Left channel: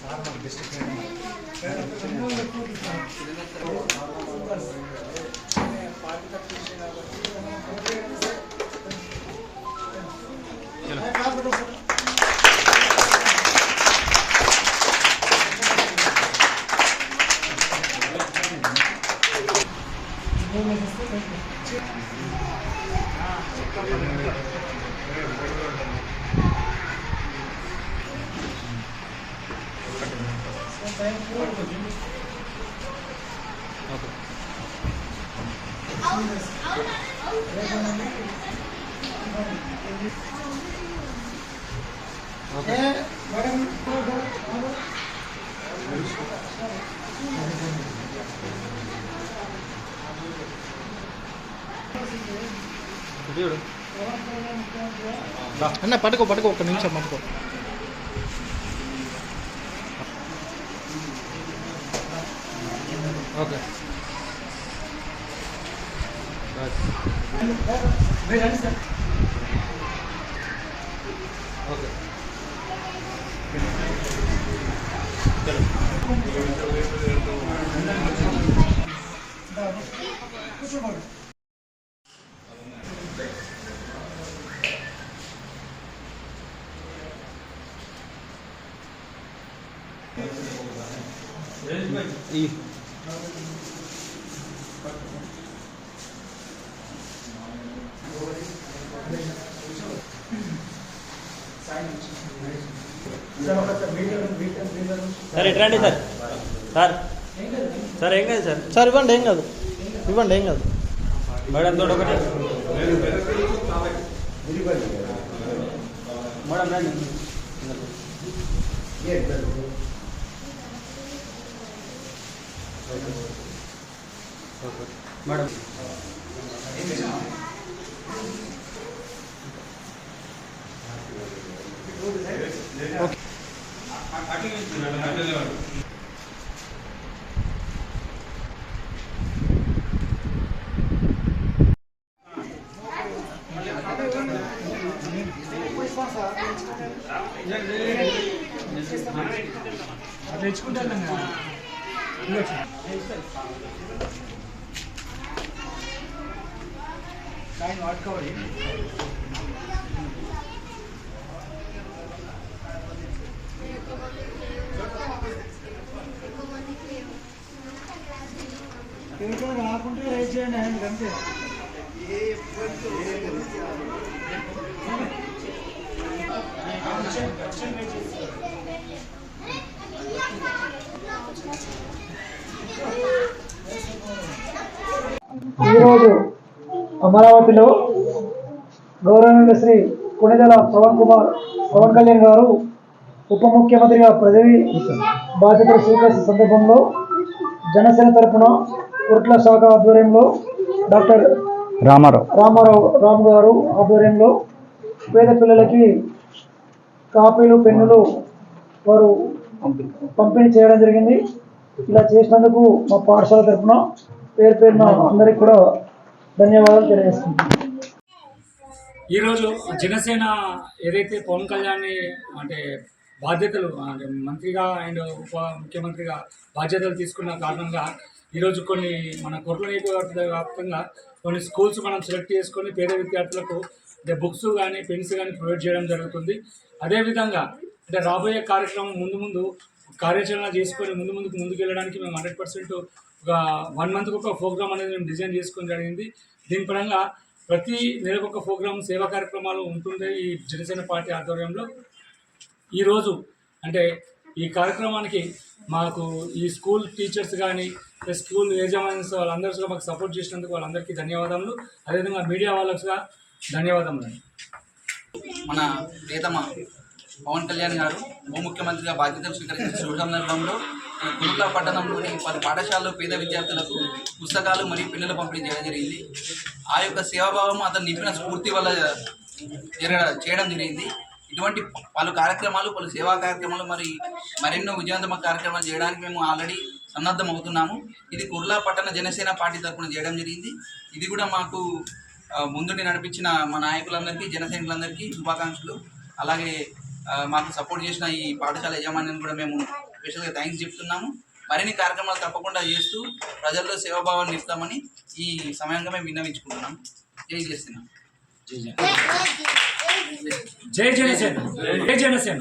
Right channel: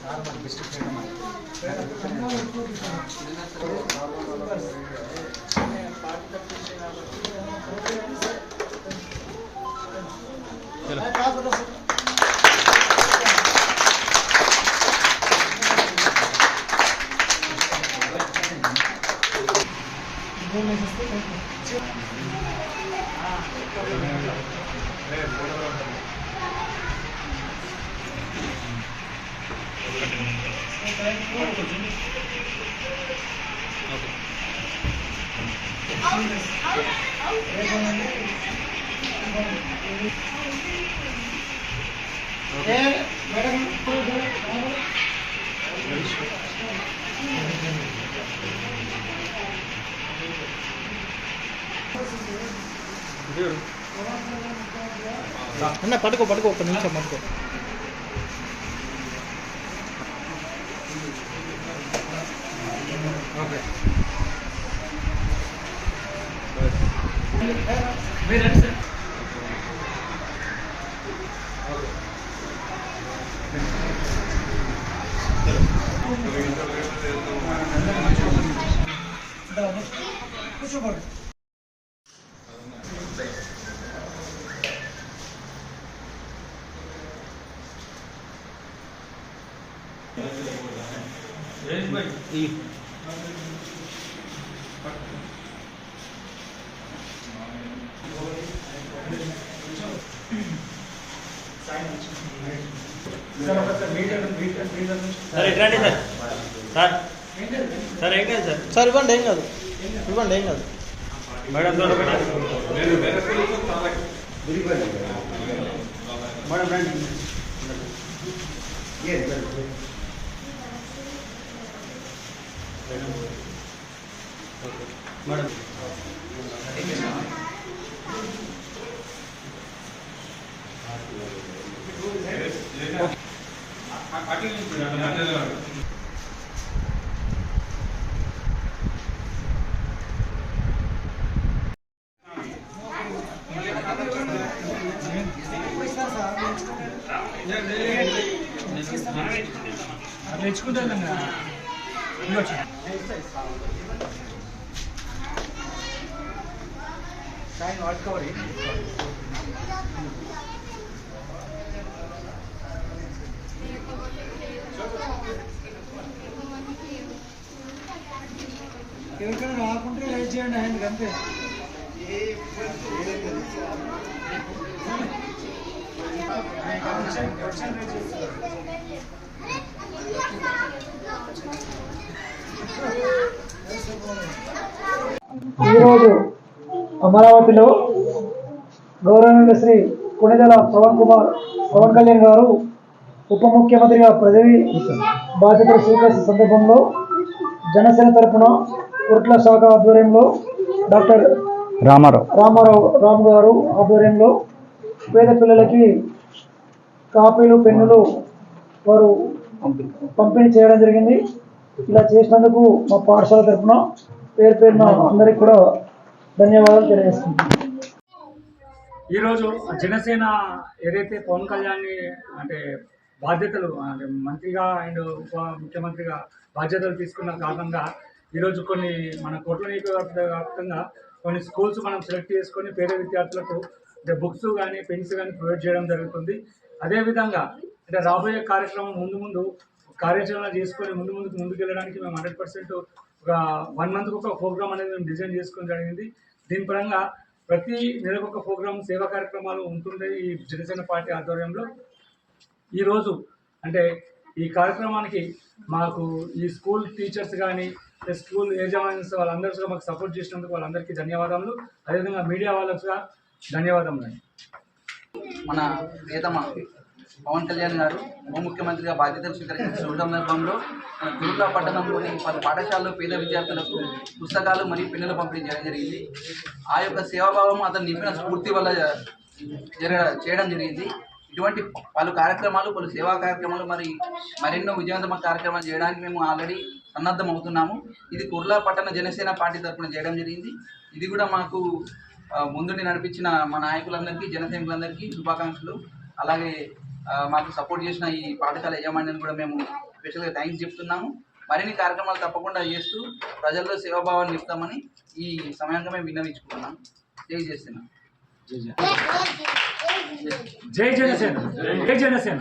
Sir మరి best friend అన్న పట్టుకో పట్టుకో ఒక నిమిషం పట్టుకో. Okay. Yes. Wait, Thank. Sir ఎట్లాంటి సార్ సార్ సార్ ఏం కాదు సార్ సార్ ఇవ్వండి ఏం కాదు ఇవ్వండి ఏం కాదు మేడం తోటి ఒకటి. మేడం రండి మేడం ఎవరికైనా రాకుంటే రైట్ చేయండి ఆయన అంతే ఈరోజు అమరావతిలో గౌరవనీయ శ్రీ కొణిదెల పవన్ కుమార్ పవన్ కళ్యాణ్ గారు ఉప ముఖ్యమంత్రిగా పదవి బాధ్యతలు స్వీకరించిన సందర్భంలో జనసేన తరపున కుట్ల శాఖ ఆధ్వర్యంలో డాక్టర్ రామారావు. రామారావు రామ్ గారు ఆధ్వర్యంలో పేద పిల్లలకి కాపీలు పెన్నులు వారు పంపిణీ చేయడం జరిగింది. ఇలా చేసినందుకు మా పాఠశాల తరపున పేరు పేరున అందరికీ కూడా ధన్యవాదాలు తెలియజేస్తున్నాను ఈరోజు జనసేన ఏదైతే పవన్ కళ్యాణ్ అంటే బాధ్యతలు అంటే మంత్రిగా అండ్ ఉప ముఖ్యమంత్రిగా బాధ్యతలు తీసుకున్న కారణంగా ఈరోజు కొన్ని మన కొట్ల నియోజకవర్గ వ్యాప్తంగా కొన్ని స్కూల్స్ మనం సెలెక్ట్ చేసుకొని పేద విద్యార్థులకు బుక్స్ కానీ పెన్స్ కానీ ప్రొవైడ్ చేయడం జరుగుతుంది. అదేవిధంగా అంటే రాబోయే కార్యక్రమం ముందు ముందు కార్యాచరణ చేసుకొని ముందు ముందుకు ముందుకు వెళ్ళడానికి మేము హండ్రెడ్ పర్సెంట్ ఒక వన్ మంత్కి ఒక ప్రోగ్రామ్ అనేది మేము డిజైన్ చేసుకోవడం జరిగింది. దీని పరంగా ప్రతి నెలకు ఒక ప్రోగ్రామ్ సేవా కార్యక్రమాలు ఉంటుంటాయి ఈ జనసేన పార్టీ ఆధ్వర్యంలో. ఈరోజు అంటే ఈ కార్యక్రమానికి మాకు ఈ స్కూల్ టీచర్స్ కానీ స్కూల్ యజమాన్స్ వాళ్ళందరూ మాకు సపోర్ట్ చేసినందుకు వాళ్ళందరికీ ధన్యవాదాలు అదేవిధంగా మీడియా వాళ్ళకు ధన్యవాదములు మన ప్రియతమ పవన్ కళ్యాణ్ గారు ఉప ముఖ్యమంత్రిగా బాధ్యతలు స్వీకరించిన సందర్భంలో మన గురుకుల పట్టణంలోని పలు పాఠశాలలో పేద విద్యార్థులకు పుస్తకాలు మరియు పెన్నులు పంపిణీ చేయడం జరిగింది. ఆ యొక్క సేవాభావం అతను నింపిన స్ఫూర్తి వల్ల జరగ చేయడం జరిగింది. ఇటువంటి పలు కార్యక్రమాలు పలు సేవా కార్యక్రమాలు మరి మరెన్నో విజయవంతమైన కార్యక్రమాలు చేయడానికి మేము ఆల్రెడీ సన్నద్ధం అవుతున్నాము ఇది కుర్లా పట్టణ జనసేన పార్టీ తరఫున చేయడం జరిగింది. ఇది కూడా మాకు ముందుండి నడిపించిన మా నాయకులందరికీ జనసైనికులందరికీ శుభాకాంక్షలు. అలాగే మాకు సపోర్ట్ చేసిన ఈ పాఠశాల యాజమాన్యాన్ని కూడా మేము స్పెషల్గా థ్యాంక్స్ చెప్తున్నాము. మరిన్ని కార్యక్రమాలు తప్పకుండా చేస్తూ ప్రజల్లో సేవాభావాన్ని ఇస్తామని ఈ సమయంగా మేము విన్నవించుకుంటున్నాం. జై చేస్తున్నాం జై జనసేన జై జనసేన